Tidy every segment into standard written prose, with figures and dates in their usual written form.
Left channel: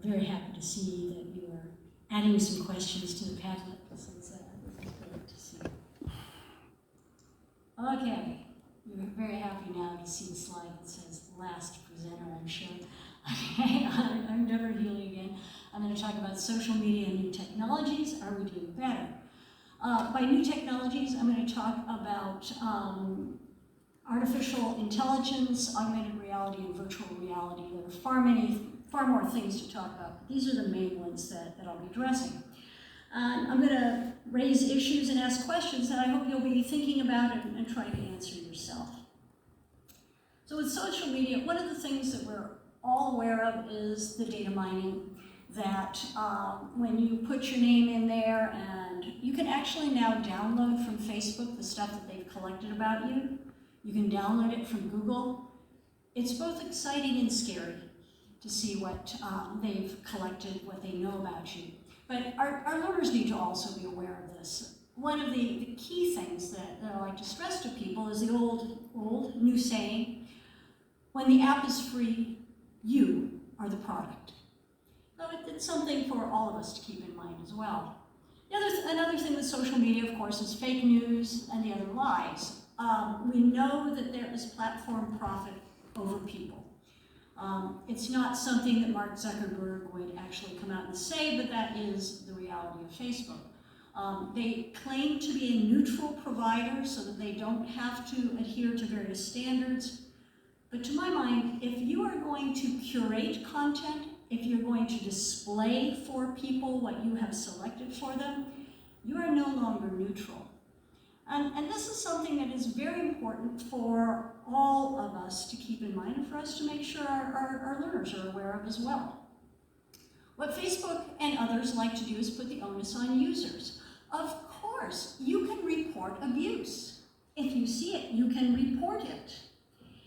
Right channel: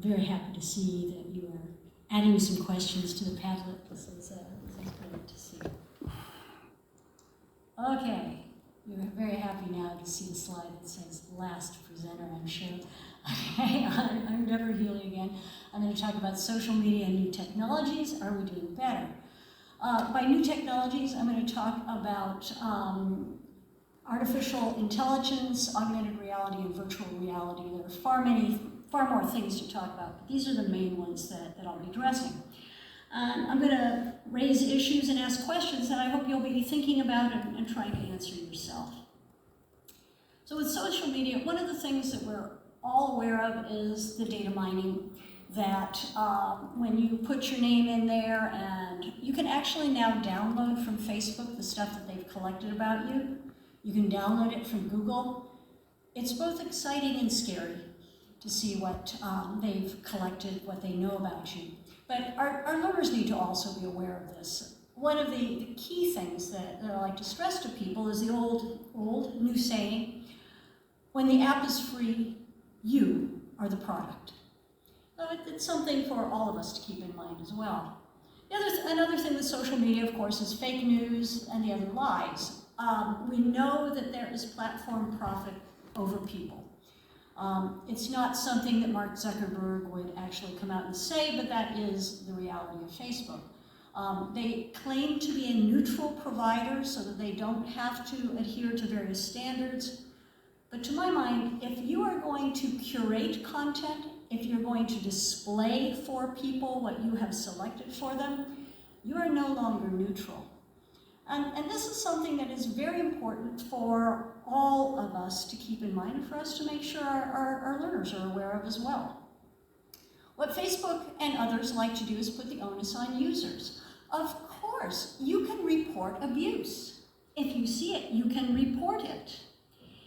very happy to see that you are adding some questions to the Padlet. This is great to see. Okay, you're very happy now to see the slide that says last presenter, I'm sure. Okay, I'm Deborah Hewley again. I'm going to talk about social media and new technologies. Are we doing better? By new technologies, I'm going to talk about artificial intelligence, augmented reality, and virtual reality. There are far more things to talk about. These are the main ones that I'll be addressing. I'm going to raise issues and ask questions that I hope you'll be thinking about and trying to answer yourself. So with social media, one of the things that we're all aware of is the data mining, that when you put your name in there, and you can actually now download from Facebook the stuff that they've collected about you. You can download it from Google. It's both exciting and scary to see what they've collected, what they know about you. But our learners need to also be aware of this. One of the key things that I like to stress to people is the old new saying, when the app is free, you are the product. It's something for all of us to keep in mind as well. Another thing with social media, of course, is fake news and the other lies. We know that there is platform profit over people. It's not something that Mark Zuckerberg would actually come out and say, but that is the reality of Facebook. They claim to be a neutral provider so that they don't have to adhere to various standards. But to my mind, if you are going to curate content, if you're going to display for people what you have selected for them, you are no longer neutral. And this is something that is very important for all of us to keep in mind and for us to make sure our learners are aware of as well. What Facebook and others like to do is put the onus on users. Of course, you can report abuse. If you see it, you can report it.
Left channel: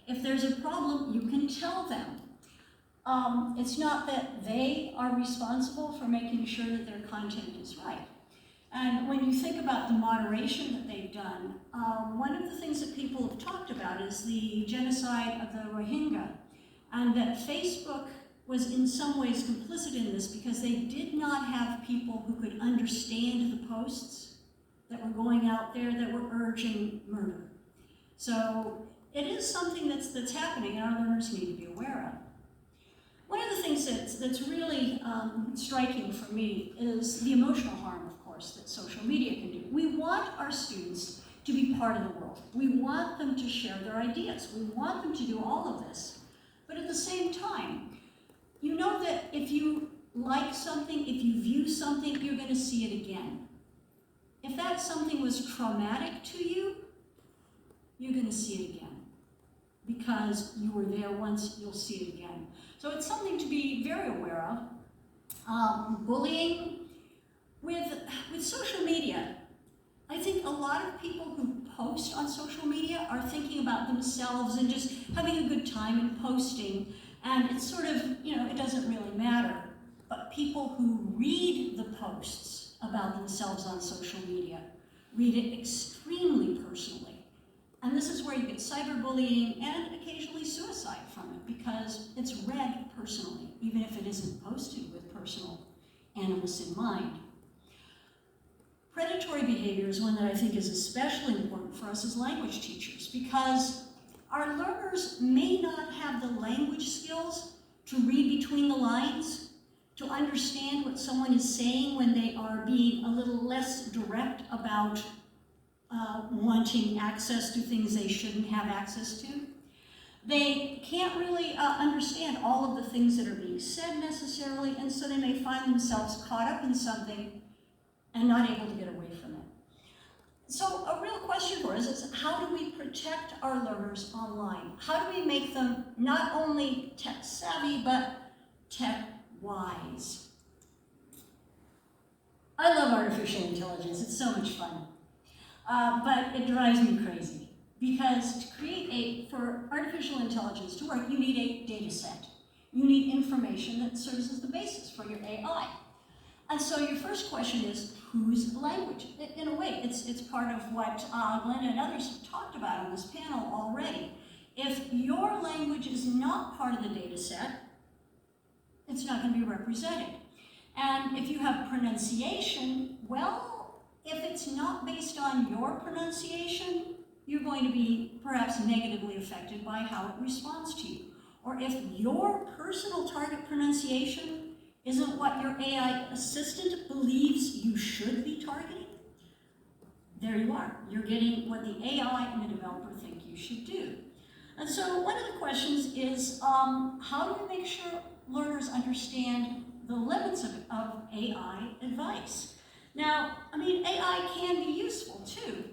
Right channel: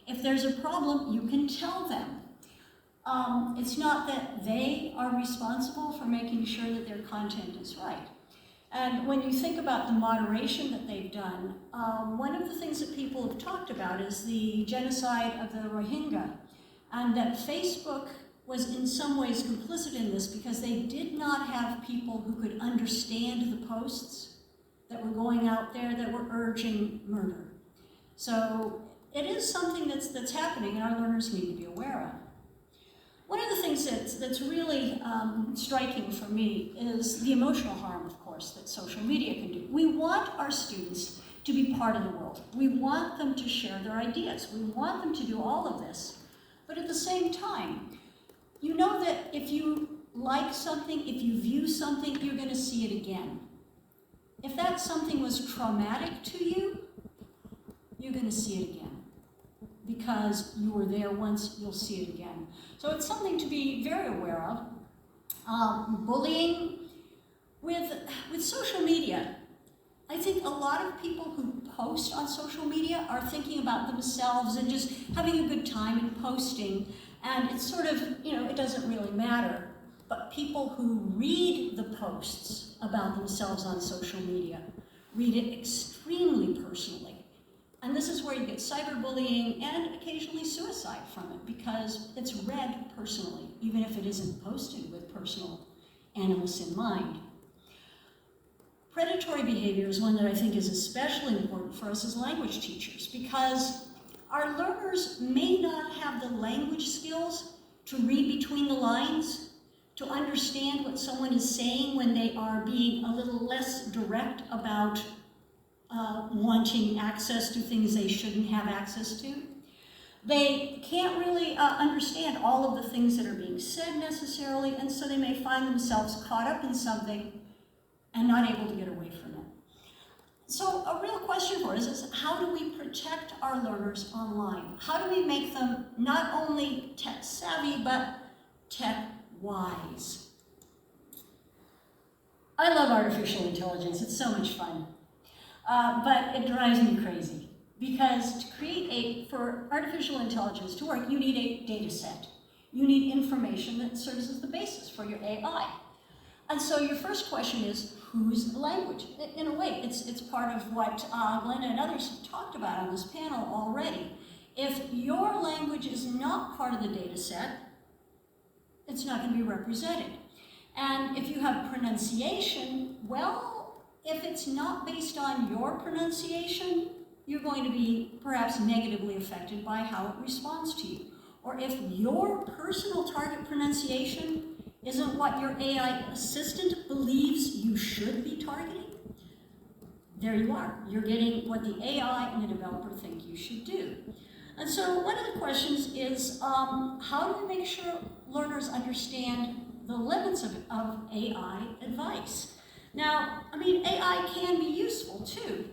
If there's a problem, you can tell them. It's not that they are responsible for making sure that their content is right. And when you think about the moderation that they've done, one of the things that people have talked about is the genocide of the Rohingya, and that Facebook was in some ways complicit in this because they did not have people who could understand the posts that were going out there that were urging murder. So it is something that's happening and our learners need to be aware of. One of the things that's really striking for me is the emotional harm, of course, that social media can do. We want our students to be part of the world. We want them to share their ideas. We want them to do all of this. But at the same time, you know that if you like something, if you view something, you're going to see it again. If that something was traumatic to you, you're going to see it again. Because you were there once, you'll see it again. So it's something to be very aware of. Bullying with social media. I think a lot of people who post on social media are thinking about themselves and just having a good time and posting. And it's sort of, it doesn't really matter. But people who read the posts about themselves on social media read it extremely personally. And this is where you get cyberbullying and occasionally suicide from it because it's read personally, even if it isn't posted with personal animus in mind. Predatory behavior is one that I think is especially important for us as language teachers because our learners may not have the language skills to read between the lines, to understand what someone is saying when they are being a little less direct about wanting access to things they shouldn't have access to. They can't really understand all of the things that are being said necessarily, and so they may find themselves caught up in something and not able to get away from it. So a real question for us is, how do we protect our learners online? How do we make them not only tech savvy, but tech wise? I love artificial intelligence. It's so much fun. But it drives me crazy because for artificial intelligence to work, you need a data set. You need information that serves as the basis for your AI. And so your first question is, whose language? In a way, it's part of what Glenda and others have talked about on this panel already. If your language is not part of the data set, it's not going to be represented. And if you have pronunciation, well, if it's not based on your pronunciation, you're going to be perhaps negatively affected by how it responds to you. Or if your personal target pronunciation isn't what your AI assistant believes you should be targeting, there you are. You're getting what the AI and the developer think you should do. And so one of the questions is, how do we make sure learners understand the limits of AI advice? Now, I mean, AI can be useful too,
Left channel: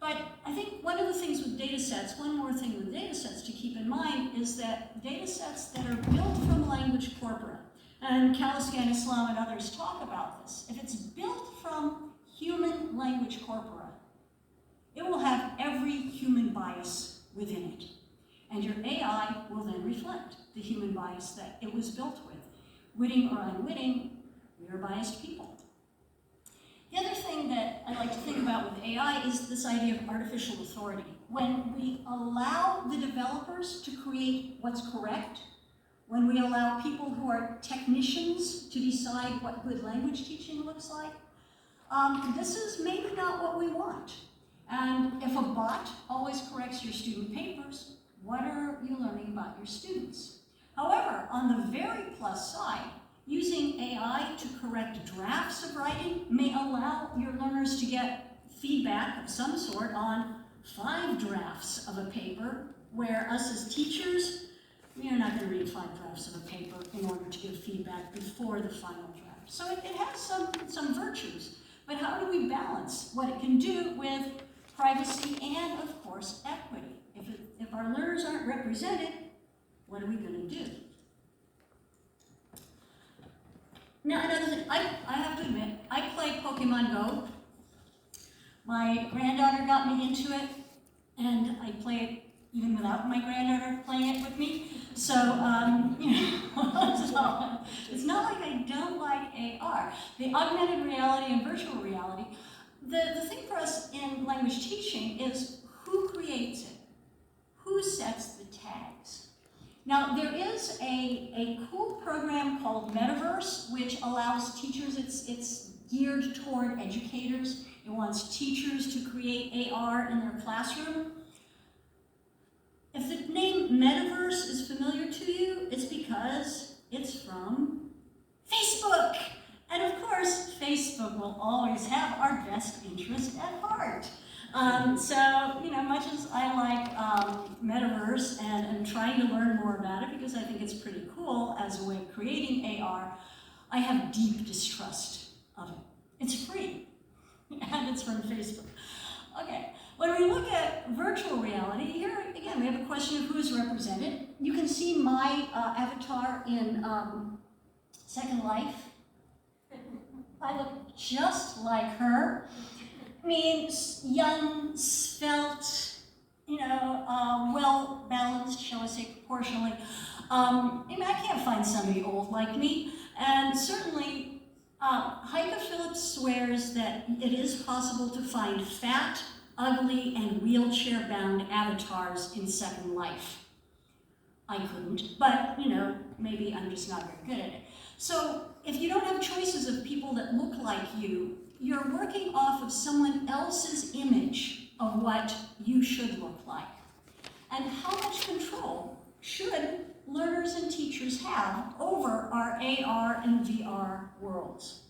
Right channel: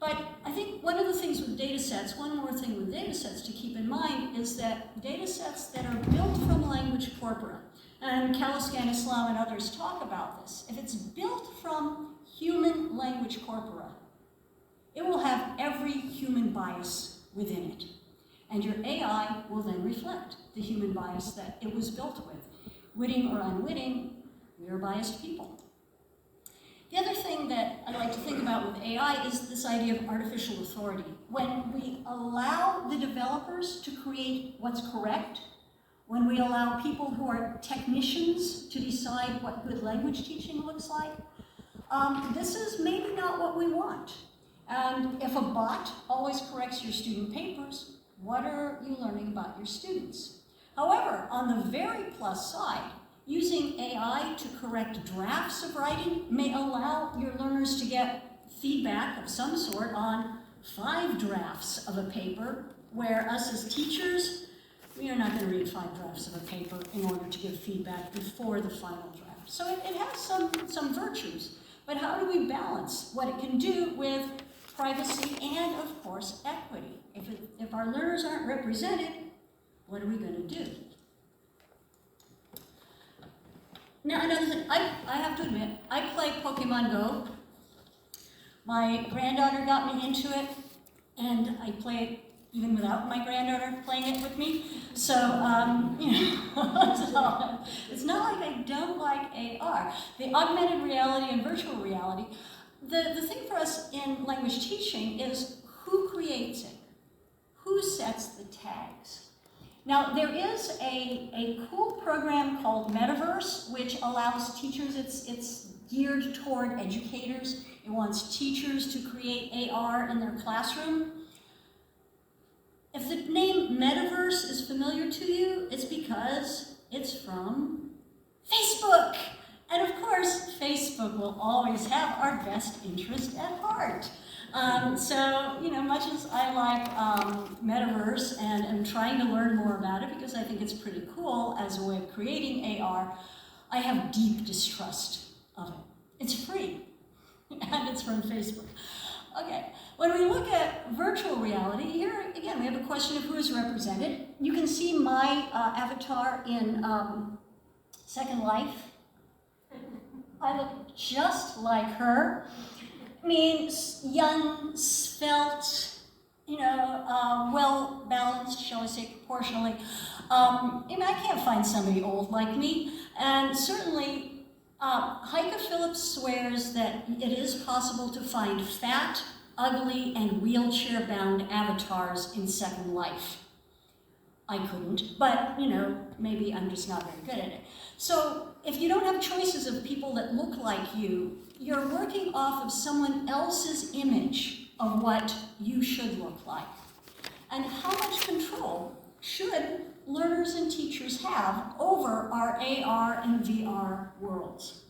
but I think one of the things with data sets, one more thing with data sets to keep in mind is that data sets that are built from language corpora, and Kaliskan Islam and others talk about this, if it's built from human language corpora, it will have every human bias within it. And your AI will then reflect the human bias that it was built with. Witting or unwitting, we are biased people. The other thing that I like to think about with AI is this idea of artificial authority. When we allow the developers to create what's correct, when we allow people who are technicians to decide what good language teaching looks like, this is maybe not what we want. And if a bot always corrects your student papers, what are you learning about your students? However, on the very plus side, using AI to correct drafts of writing may allow your learners to get feedback of some sort on 5 drafts of a paper, where us as teachers, we are not going to read 5 drafts of a paper in order to give feedback before the final draft. So it has some virtues, but how do we balance what it can do with privacy and, of course, equity? If our learners aren't represented, what are we going to do? Now, another thing, I have to admit, I play Pokemon Go. My granddaughter got me into it, and I play it even without my granddaughter playing it with me. So, you know, it's not like I don't like AR. The augmented reality and virtual reality, the thing for us in language teaching is who creates it? Who sets the tags? Now, there is a cool program called Metaverse, which allows teachers, it's geared toward educators. It wants teachers to create AR in their classroom. If the name Metaverse is familiar to you, it's because it's from Facebook. And of course, Facebook will always have our best interest at heart. So, you know, much as I like Metaverse and am trying to learn more about it because I think it's pretty cool as a way of creating AR, I have deep distrust of it. It's free, and it's from Facebook. Okay, when we look at virtual reality, here again we have a question of who is represented. You can see my avatar in Second Life. I look just like her. I mean, young, svelte, you know, well-balanced, shall I say, proportionally. I mean, I can't find somebody old like me, and certainly Heike Phillips swears that it is possible to find fat, ugly, and wheelchair-bound avatars in Second Life. I couldn't, but, you know, maybe I'm just not very good at it. So if you don't have choices of people that look like you, you're working off of someone else's image of what you should look like. And how much control should learners and teachers have over our AR and VR worlds?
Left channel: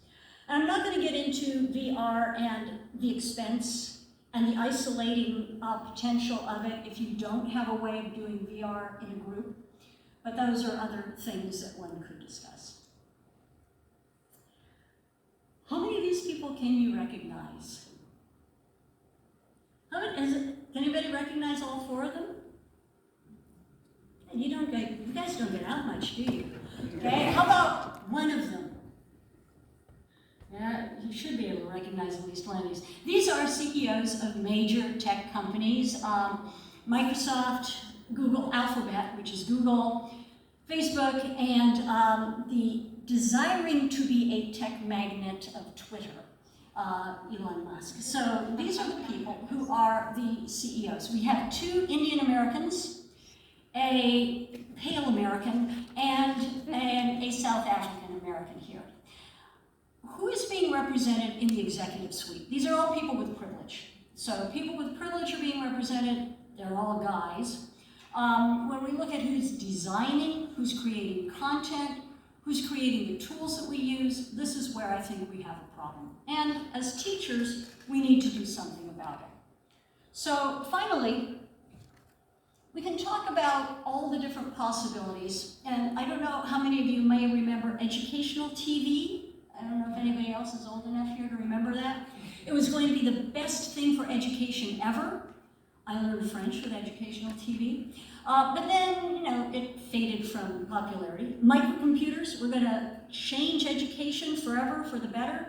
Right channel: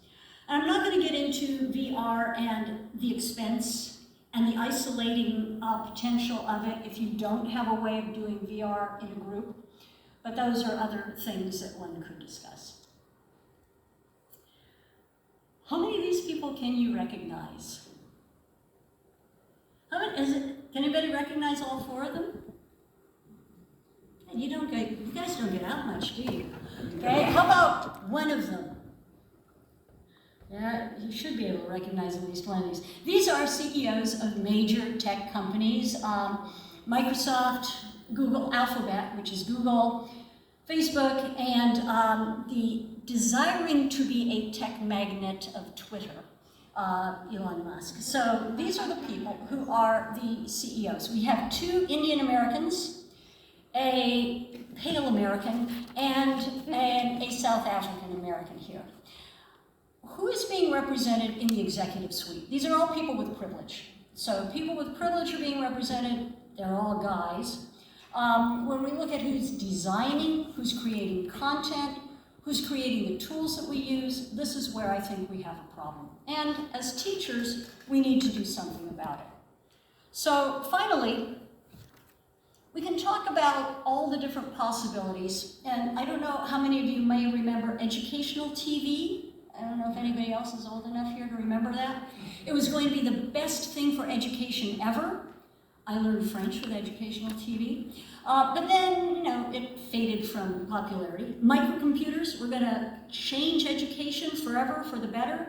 And I'm not going to get into VR and the expense and the isolating potential of it if you don't have a way of doing VR in a group, but those are other things that one could discuss. How many of these people can you recognize? Can anybody recognize all 4 of them? And you guys don't get out much, do you? Okay, how about one of them? Yeah, you should be able to recognize at least one of these. These are CEOs of major tech companies, Microsoft, Google, Alphabet, which is Google, Facebook, and the desiring to be a tech magnet of Twitter, Elon Musk. So these are the people who are the CEOs. We have 2 Indian Americans, a pale American, and a South African American here. Who is being represented in the executive suite? These are all people with privilege. So people with privilege are being represented. They're all guys. When we look at who's designing, who's creating content, who's creating the tools that we use, this is where I think we have a problem. And as teachers, we need to do something about it. So finally, we can talk about all the different possibilities. And I don't know how many of you may remember educational TV. I don't know if anybody else is old enough here to remember that. It was going to be the best thing for education ever. I learned French with educational TV. But then, you know, it faded from popularity. Microcomputers were going to change education forever for the better.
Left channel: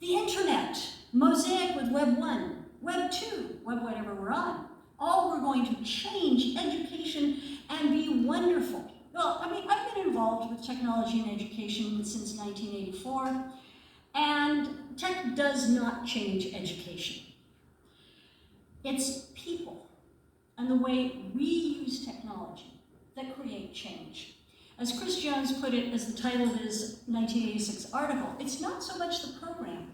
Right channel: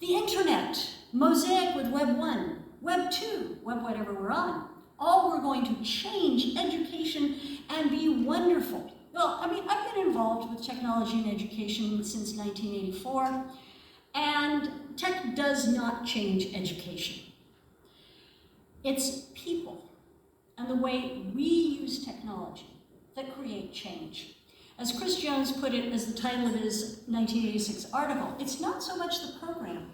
The internet, Mosaic with Web 1, Web 2, Web whatever we're on, all were going to change education and be wonderful. Well, I mean, I've been involved with technology and education since 1984, and tech does not change education. It's people and the way we use technology that create change. As Chris Jones put it, as the title of his 1986 article, it's not so much the program,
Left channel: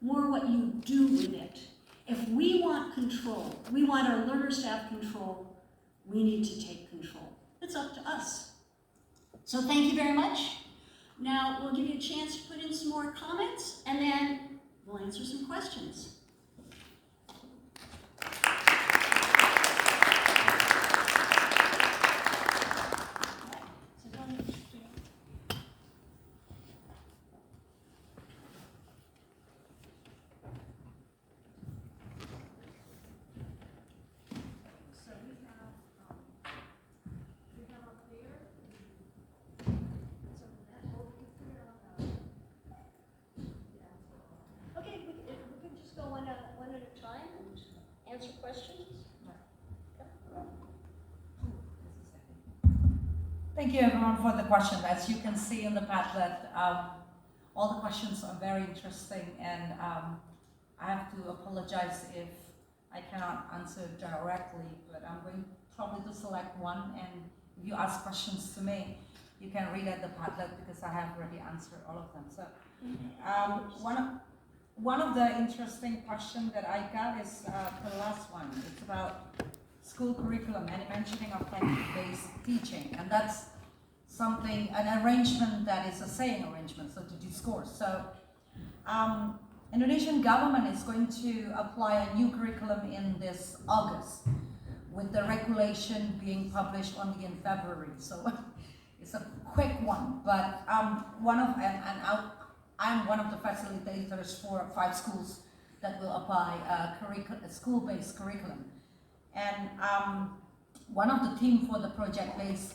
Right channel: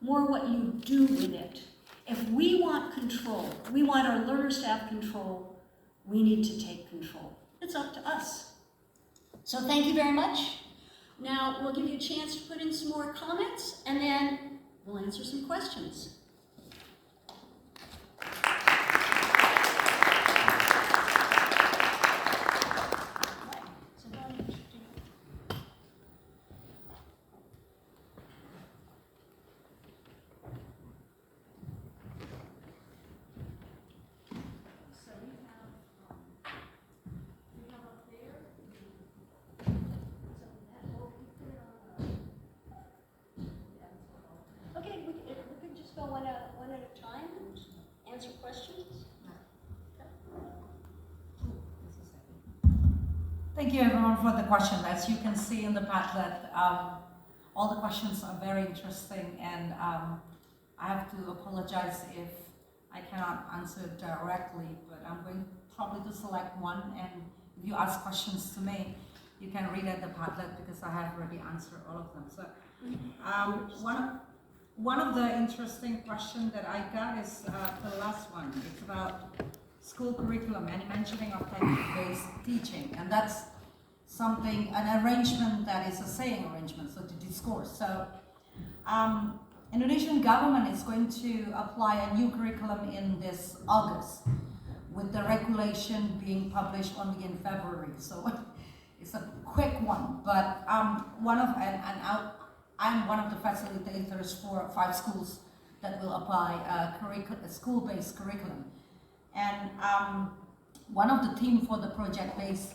more what you do with it. If we want control, we want our learners to have control, we need to take control. It's up to us. So thank you very much. Now we'll give you a chance to put in some more comments, and then we'll answer some questions. Answer questions? Thank you everyone for the question. As you can see in the Padlet, all the questions are very interesting, and I have to apologize if I cannot answer directly, but I'm going probably to select one, and if you ask questions to me, you can read at the Padlet because I have already answered all of them. So one of the interesting questions that I got is the last one. It's about school curriculum and mentioning of text-based teaching, and that's something, an arrangement that is a saying arrangement, so to discourse. So Indonesian government is going to apply a new curriculum in this August, with the regulation being published only in February. So it's a quick one, but I'm one of the facilitators for 5 schools that will apply a school-based curriculum. And one of the themes for the project-based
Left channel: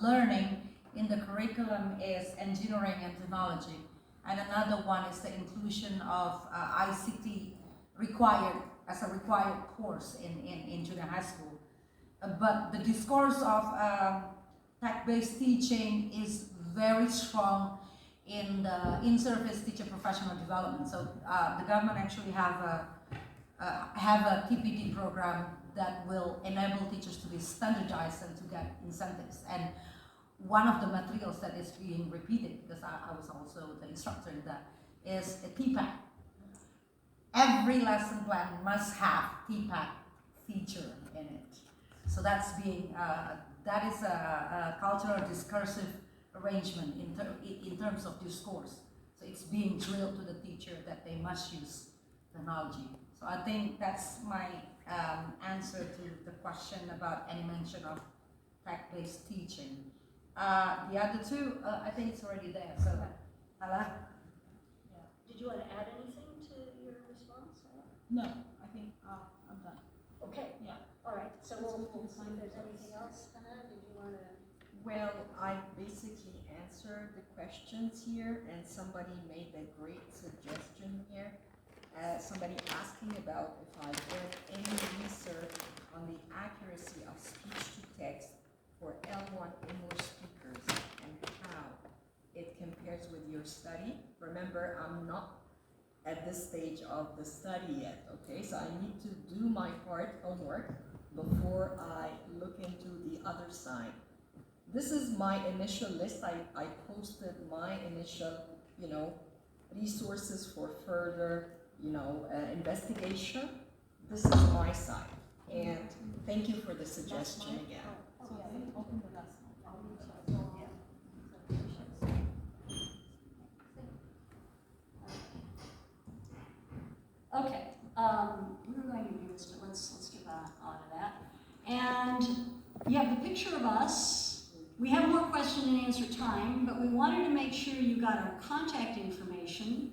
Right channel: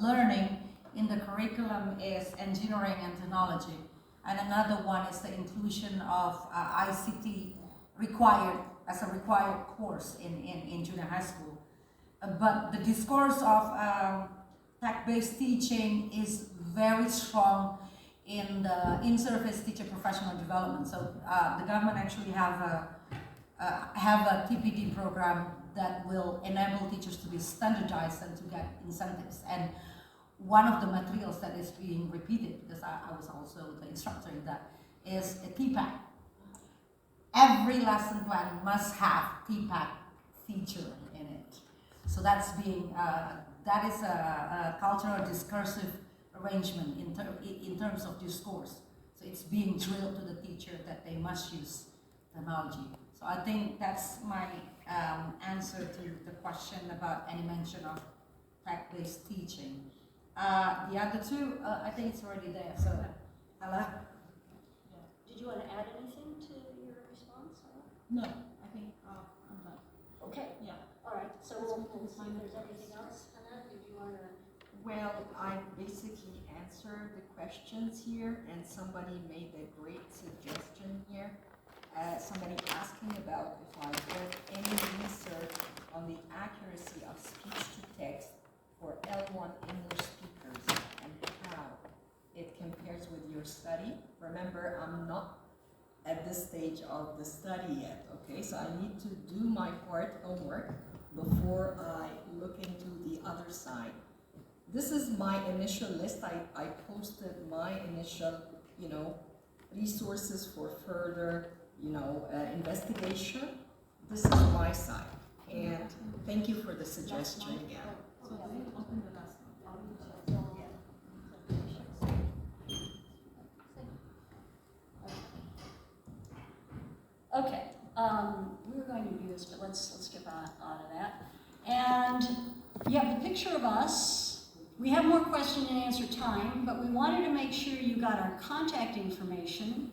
learning in the curriculum is engineering and technology. And another one is the inclusion of ICT as a required course in junior high school. But the discourse of tech-based teaching is very strong in the in-service teacher professional development. So the government actually have a TPD program that will enable teachers to be standardized and to get incentives. And one of the materials that is being repeated, because I was also the instructor in that, is a TPAC. Every lesson plan must have TPAC feature in it. So that's being, that is a cultural discursive arrangement in terms of discourse. So it's being drilled to the teacher that they must use technology. So I think that's my answer to the question about any mention of tech-based teaching. The other two, I think it's already there. So, Hala? Yeah. Did you want to add anything to your response? No, I think I'm done. Okay. Yeah. All right. So we'll see if there's anything else. Hannah, did you want to? Well, I basically answered the questions here, and somebody made a great suggestion here. Somebody asking about if I did any research on the accuracy of speech-to-text for L1 English speakers and how it compares with your study. Remember, I'm not at this stage of the study yet, okay? So I need to do my homework before I look into the other side. this is my initial list. I posted my initial, resources for further, investigation. This is my side. And thank you for the suggestion again. So they open the last Okay, we were going to do this, but let's skip out of that. And you have the picture of us. We have more question and answer time, but we wanted to make sure you got our contact information.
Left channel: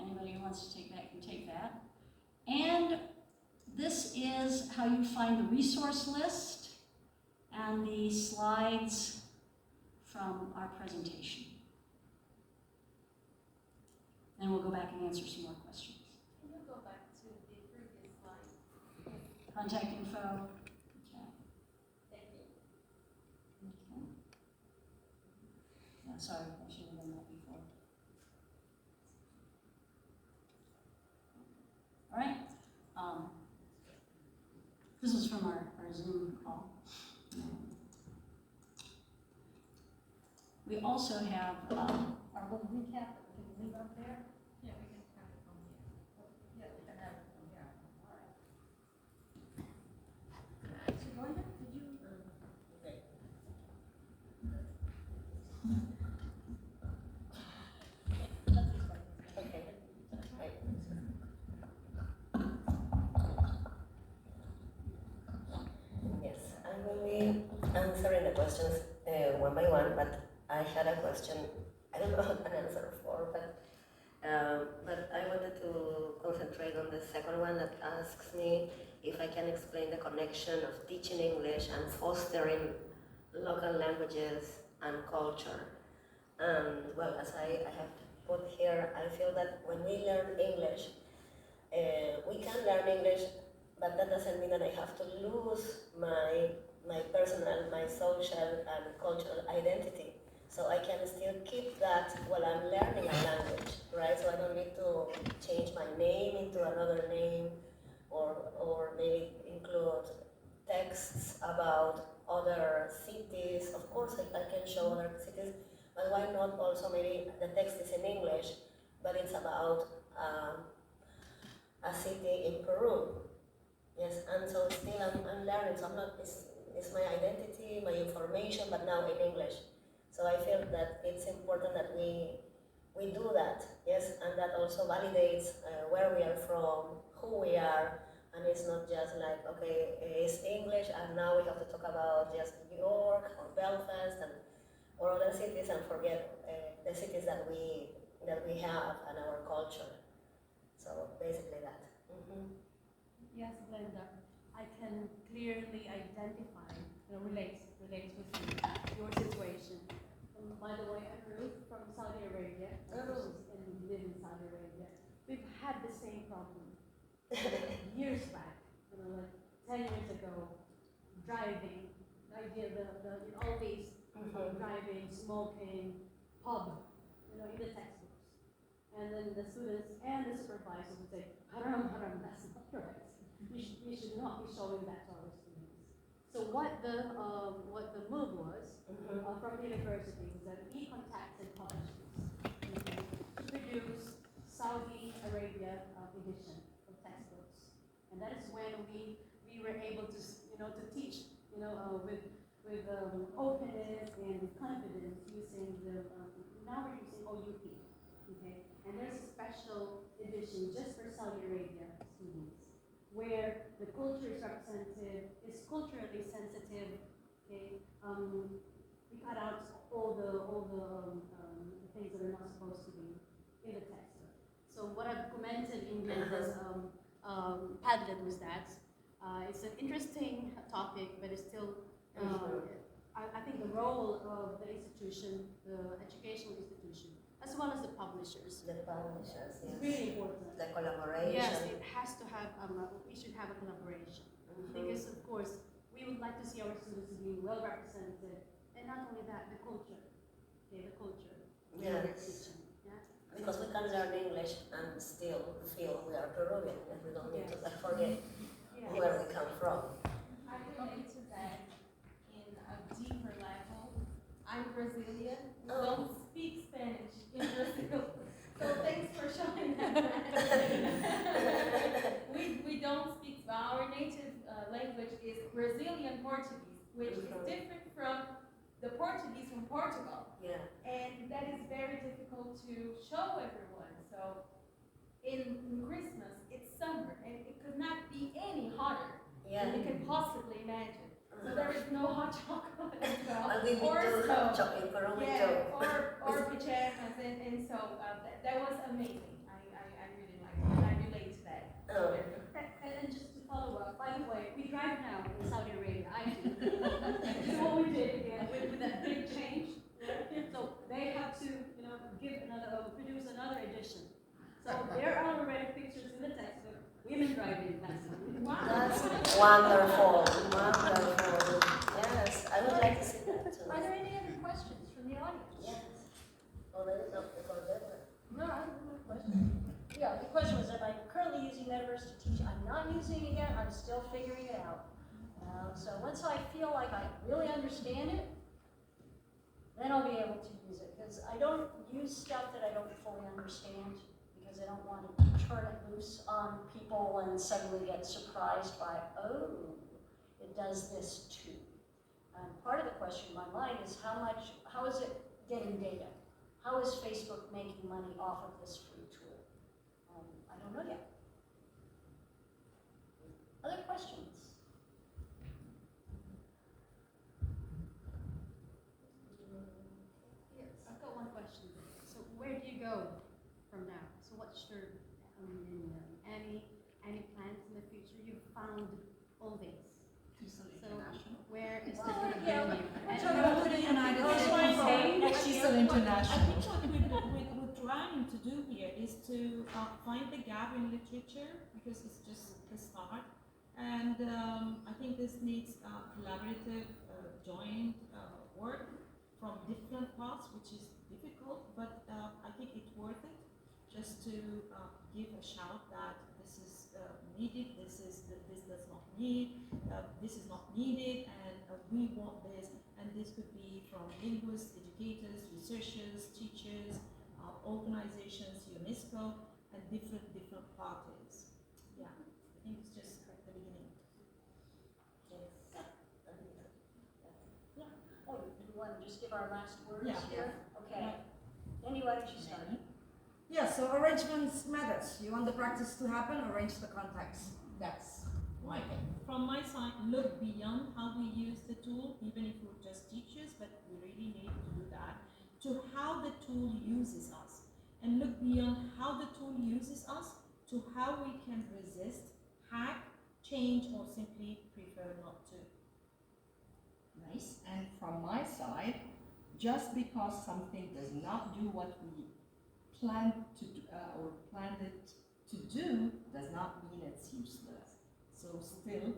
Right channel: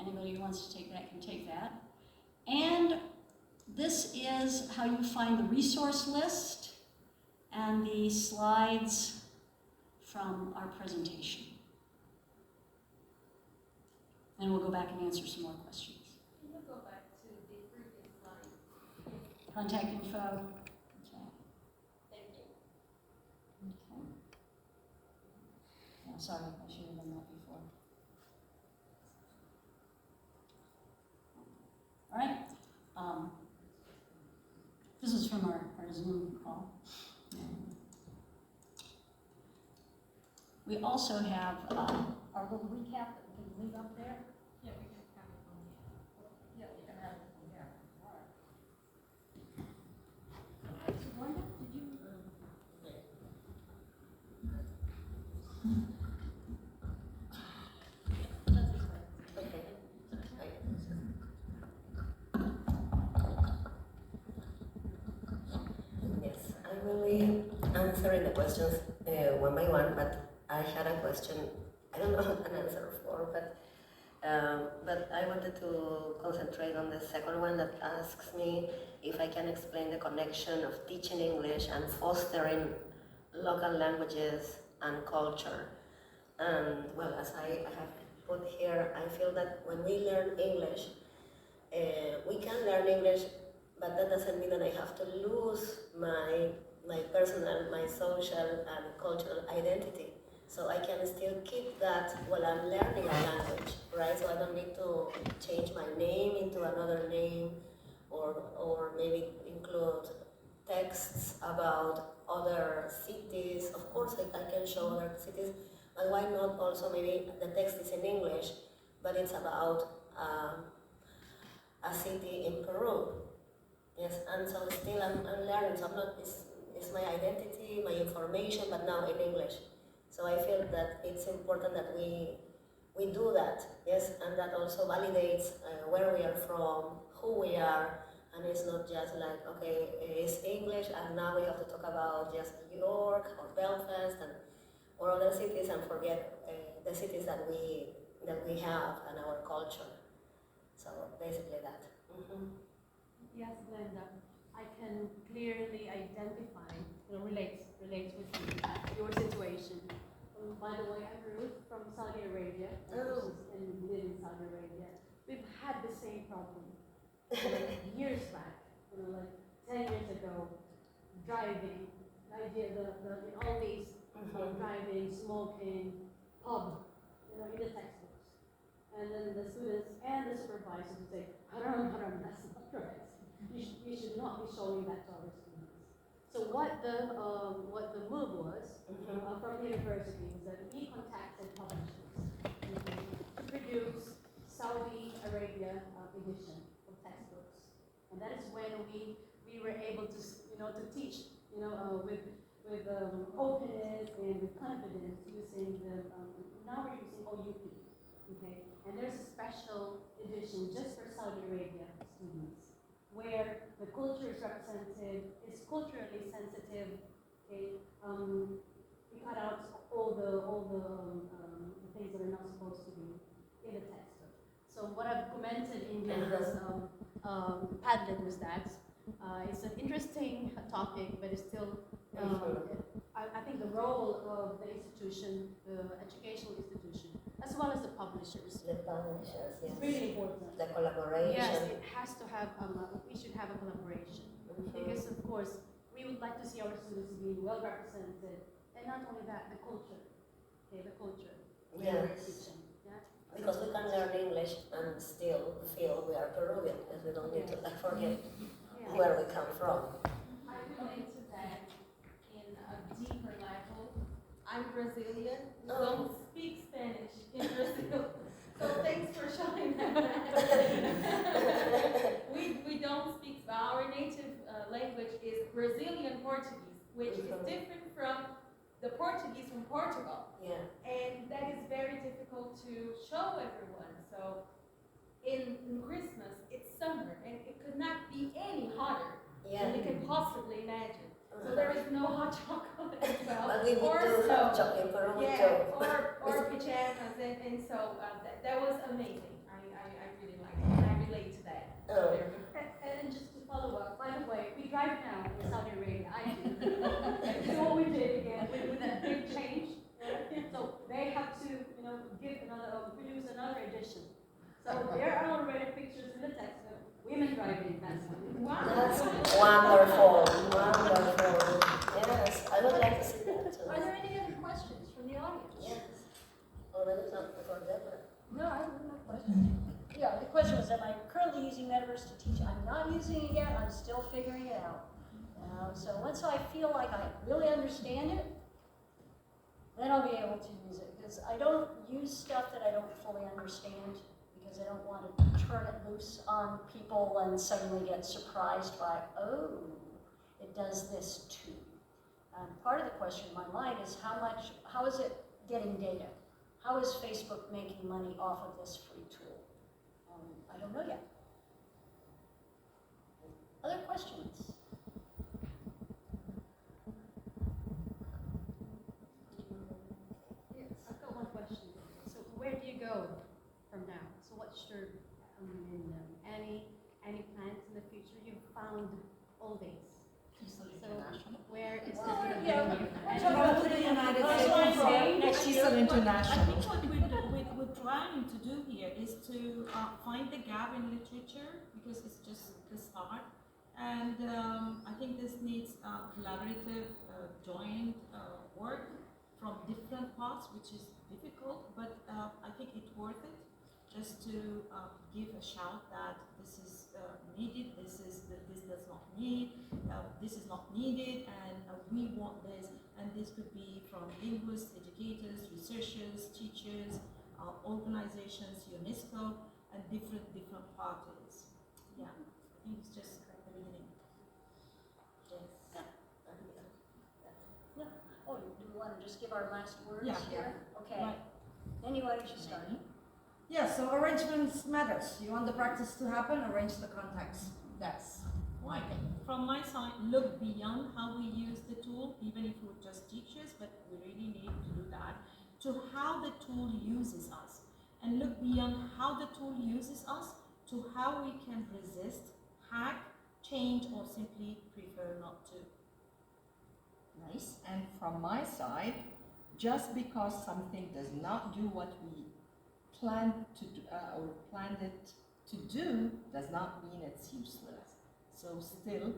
Anybody who wants to take that can take that. And this is how you find the resource list and the slides from our presentation. And we'll go back and answer some more questions. Can you go back to the previous slide? Contact info. Okay. Thank you. Okay. Yeah, sorry, I should have done that before. All right. This is from our Zoom call. We also have our little recap that we can leave up there. Yeah, we can have it from here. Yeah, we can have it from here. All right. Glenda, did you? Yes, I will be answering the questions one by one, but I had a question I don't know an answer for, but I wanted to concentrate on the second one that asks me if I can explain the connection of teaching English and fostering local languages and culture. And well, as I have put here, I feel that when we learn English, we can learn English, but that doesn't mean that I have to lose my personal, my social and cultural identity. So I can still keep that while I'm learning a language, right? So I don't need to change my name into another name, or maybe include texts about other cities. Of course, I can show other cities, but why not also maybe the text is in English, but it's about a city in Peru. Yes, and so still I'm learning, so I'm not, it's my identity, my information, but now in English. So I feel that it's important that we do that, yes, and that also validates where we are from, who we are, and it's not just like, okay, it's English, and now we have to talk about just New York or Belfast or other cities and forget the cities that we have and our culture. So basically that. Mm-hmm. Yes, Glenda, I can clearly identify, relate with your situation. By the way, I'm Ruth from Saudi Arabia, and live in Saudi Arabia. We've had the same problem years back, like 10 years ago, driving, the idea that all these driving, smoking, pub, in the textbooks. And then the students and the supervisors would say, haram, that's not right. You should not be showing that to our students. So what the move was from the university was that we contacted publishers to produce Saudi Arabia edition of textbooks, and that is when we were able to teach with openness and with confidence using now we're using OUP, okay, and there's a special edition just for Saudi Arabia students where the culture is represented, it's culturally sensitive, okay. We cut out all the things that are not supposed to be in the textbook. So what I've commented in Glenda's Padlet was that it's an interesting topic, but it's still, I think the role of the institution, the educational institution, as well as the publishers. The publishers, yes. It's really important. The collaboration. Yes, it has to have, we should have a collaboration. Because of course, we would like to see our students being well represented, and not only that, the culture. Okay, the culture. Yes. Teaching. Yeah? Because we can learn English and still feel we are Peruvian, and we don't need to forget where we come from. I I'm Brazilian. We Oh. don't speak Spanish in Brazil. So thanks for showing that. we don't speak, our native language is Brazilian Portuguese, which is different from the Portuguese from Portugal. Yeah. And that is very difficult to show everyone. So in Christmas, it's summer, and it could not be any hotter Yeah. than you can possibly imagine. So there is no hot chocolate as well, Well, we or do snow. have chocolate for a Yeah, or pajamas, and so that was amazing. I really liked it, and I relate to that. Oh. And just to follow up, by the way, we drive now in Saudi Arabia. I do. You know what we did again with that big change. So they have to, produce another edition. So there are already pictures in the text of women driving. That's That's wonderful. Wonderful. Yes, I would like to see that too. Are there any other questions from the audience? Yes. Already not before that. No, I have no question. Yeah, the question was, am I currently using Metaverse to teach? I'm not using it yet. I'm still figuring it out. So once I feel like I really understand it, then I'll be able to use it. Because I don't use stuff that I don't fully understand, because I don't want to turn it loose on people and suddenly get surprised by, oh, it does this too. Part of the question in my mind is how is it getting data? How is Facebook making money off of this free tool? I don't know yet. Other questions? Yes, I've got one question. So where do you go from now? So what's your, any plans in the future? You've found all these. So where is this going to bring you? Go to the United States. She's an I international. think what we're trying to do here is to find the gap in literature, because it's just the start. And I think this needs collaborative, joint work from different parts, which is difficult, but I think it's worth it just to give a shout that this is needed, this does not need, this is not needed, and we want this. And this could be from linguists, educators, researchers, teachers, organizations, UNESCO, and different parties. Yeah, I think it's just the beginning. Oh, do we want to just give our last words Yeah. here? Okay. Right. Annie, why don't you start? Yeah, so arrangements matters. You want the practice to happen, arrange the context. That's my thing. From my side, look beyond how we use the tool, even if we're just teachers, but we really need to do that, to how the tool uses us. And look beyond how the tool uses us to how we can resist, hack, change, or simply prefer not to. Nice. And from my side, just because something does not do what we planned to do, or planned it to do, does not mean it's useless. So still,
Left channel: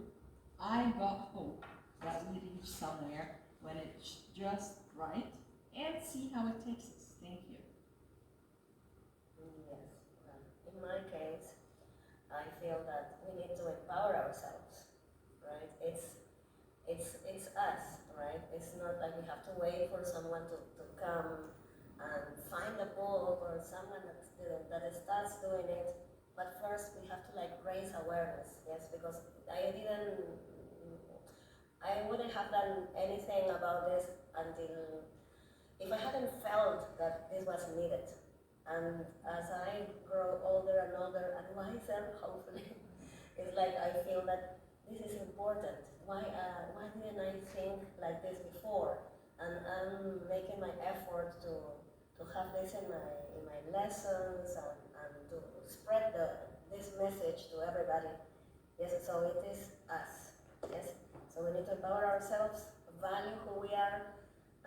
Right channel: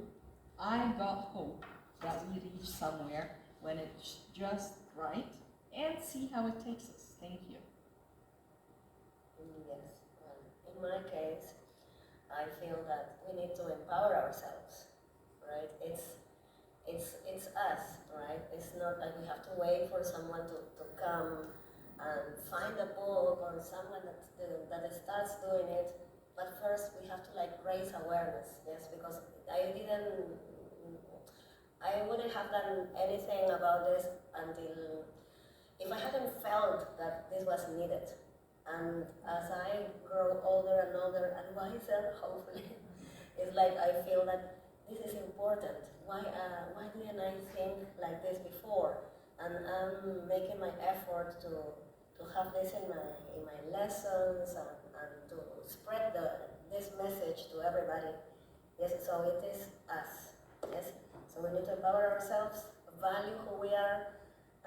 I got hope that we reach somewhere when it's just right, and see how it takes us. Thank you. Yes. In my case, I feel that we need to empower ourselves, right? It's us, right? It's not like we have to wait for someone to come and find a book or someone that starts doing it. But first we have to raise awareness, yes, because I wouldn't have done anything about this until, if I hadn't felt that this was needed. And as I grow older and older and wiser, hopefully, it's I feel that this is important. Why didn't I think like this before? And I'm making my effort to have this in my lessons and to spread this message to everybody. Yes, so it is us. Yes, so we need to empower ourselves, value who we are,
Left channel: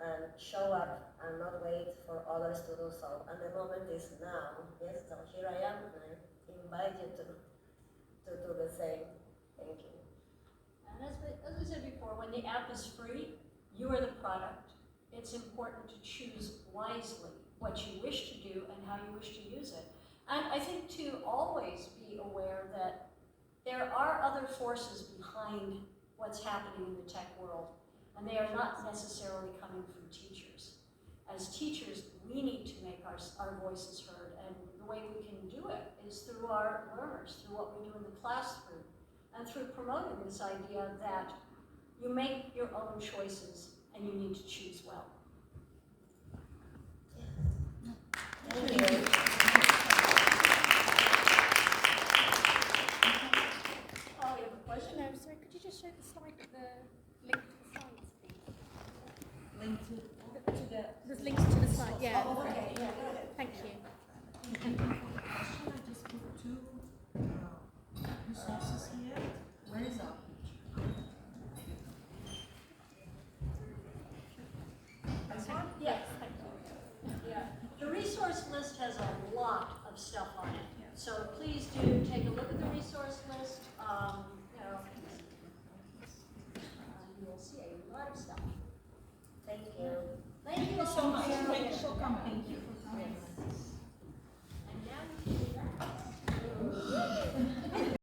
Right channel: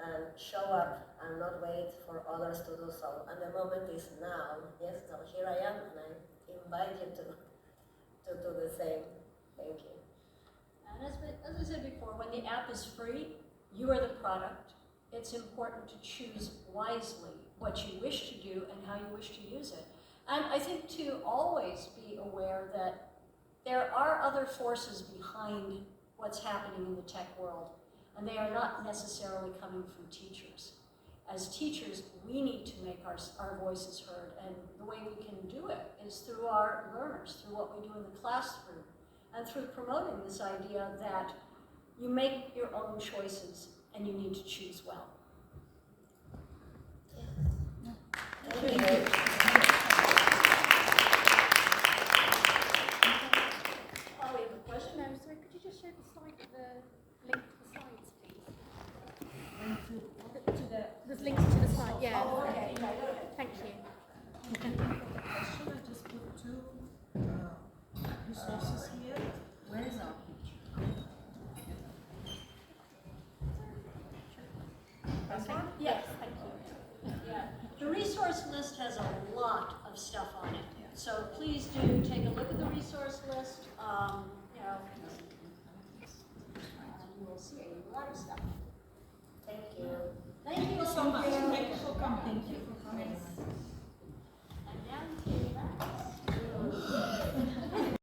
and show up and not wait for others to do so. And the moment is now. Yes, so here I am, and I invite you to do the same. Thank you. And as I said before, when the app is free, you are the product. It's important to choose wisely what you wish to do and how you wish to use it. And I think to always be aware that there are other forces behind what's happening in the tech world. and they are not necessarily coming from teachers. As teachers, we need to make our voices heard, and the way we can do it is through our learners, through what we do in the classroom, and through promoting this idea that you make your own choices and you need to choose well. Thank you. Oh, we have a question? No, sorry, could you just show the slide, the link to the slides, please? There's links to the slide, yeah. Oh, okay, yeah, go ahead. Thank you. I just put two resources here. Where is our picture? Yes, thank you. Yeah, the resource list has a lot of stuff on it, so please do take a look at the resource list.